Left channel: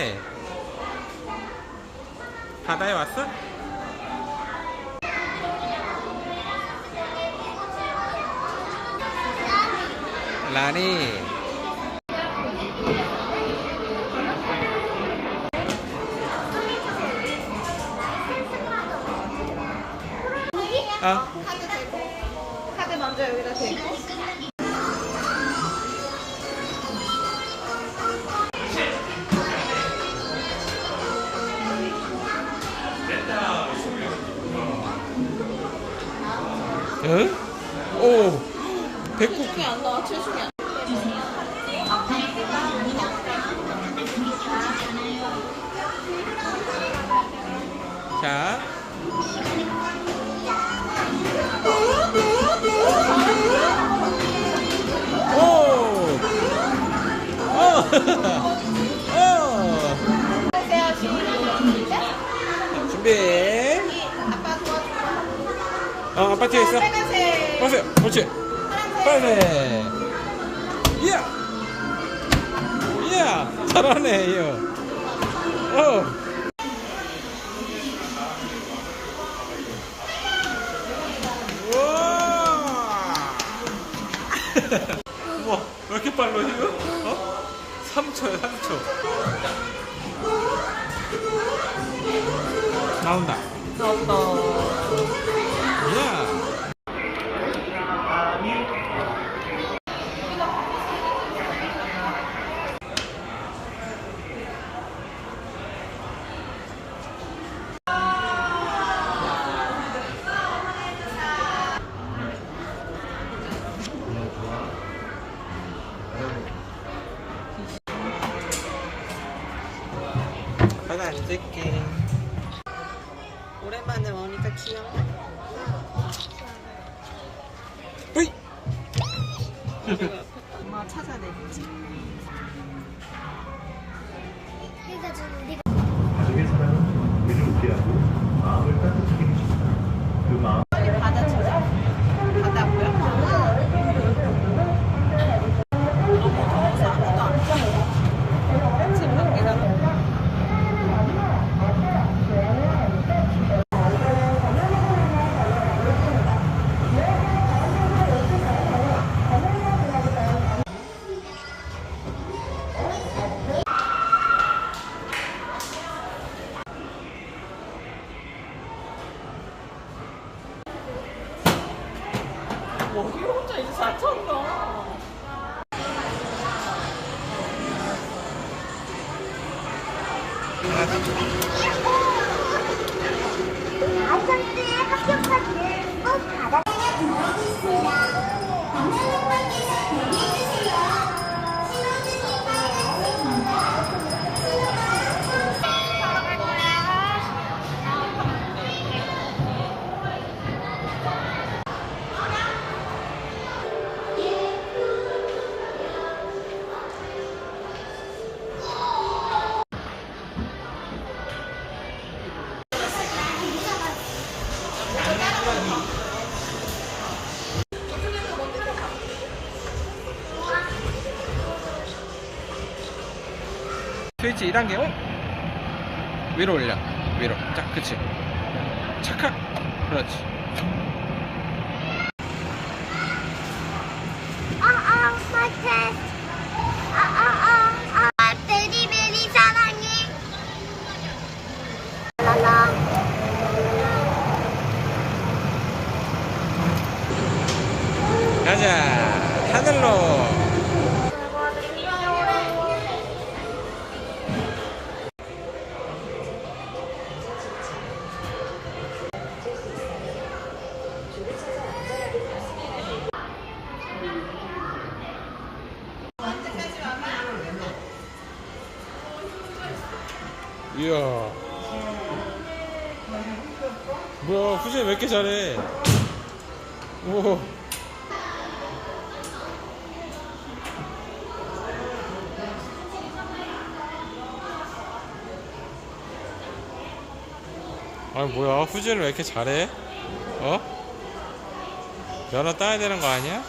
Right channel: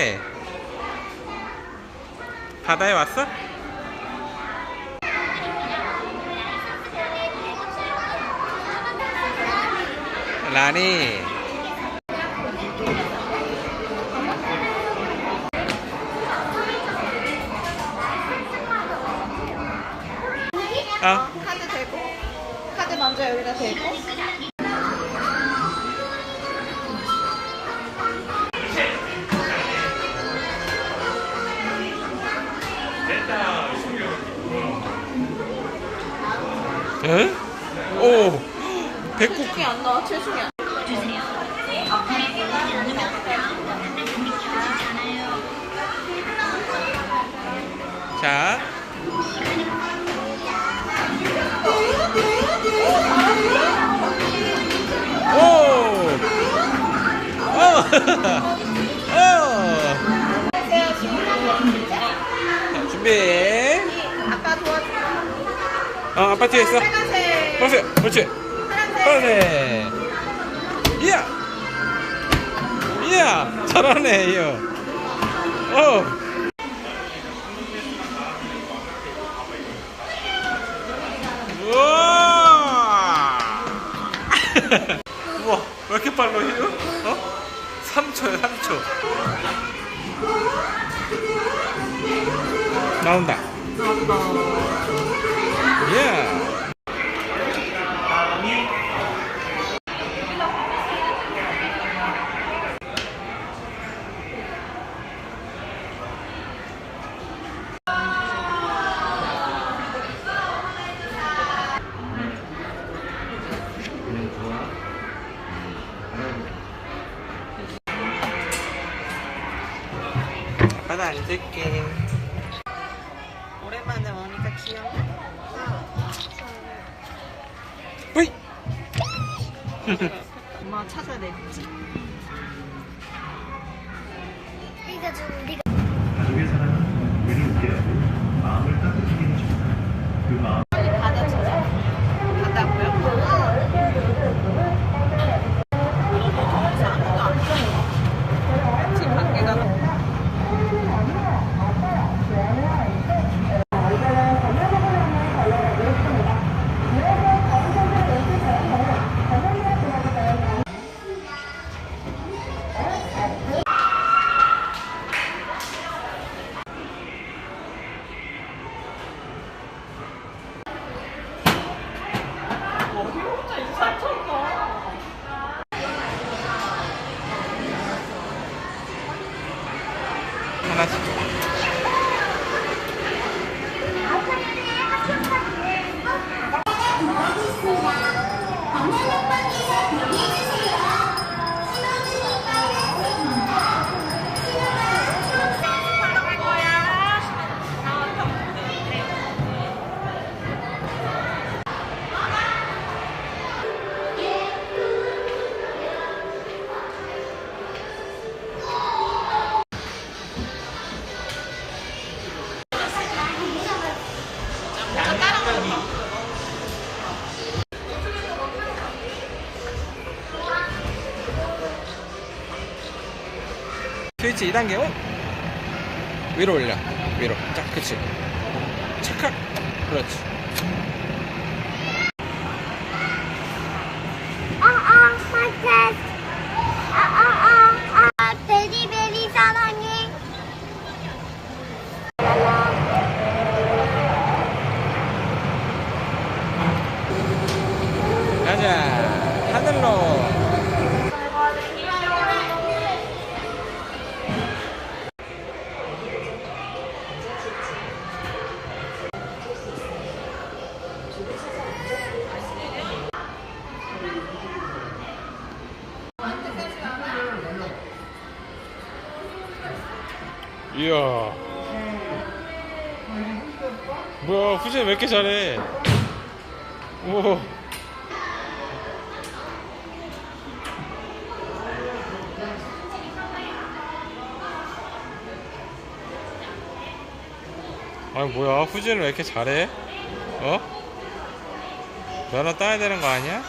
그래? 바다에 왔어? 라니. 아. 카드 대고 카드 먼저 여기다 대고 응? 오. 백국. 칠순이 안 나와. 칠순이 안 자. 오. 오. 오. 자, 준비. 아빠 도와줘. 아빠 뒤에 있어. 빨간색. 빨간색. 그렇지. 빨간색. 이야. 이야. 잘하네, 이요. 우와. 우와, 왜 이렇게 빨라, 이요? 3초야, 3초. 나온다. 이야. 아빠도 앉을게. 오랜만에 오니까 귀엽네. 뿌이. 엄마가 찾아야 되겠지. 가족의 사랑은 우리를 웃게 하고 마음을 따뜻하게 해줍니다. 그 마음 빨리 바다 찾아. 바다 안 보여? 아무도 안 쳐. 지금 밖에 가서. 혼자 이제 잘 쳤다. 하나. 스위치 2단계. 위로 올려. 위로. 자, 그치. 착각. 그렇지. 베리베리 사랑해. 라라. 가자. 하늘로. 이야. 뭐야, 후진 왜 이렇게 잘해? 우와. 아니 뭐야, 후진을 왜 이렇게 잘해? 면허 따야 되는 거 아니야?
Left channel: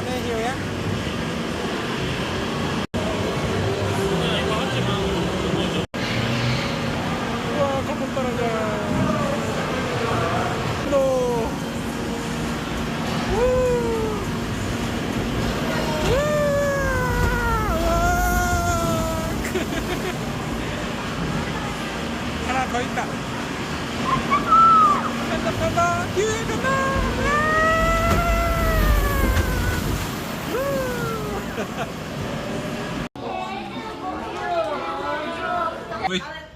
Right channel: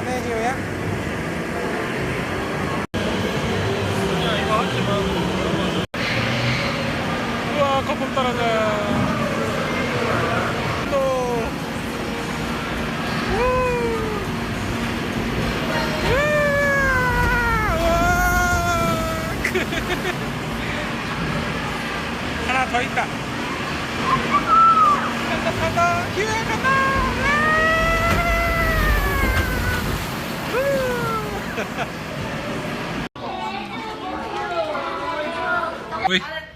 좋아하네, 희우야? 우와, 거품 떨어져요. 또. 하나 더 있다. 간다, 기회야, 간다. 우.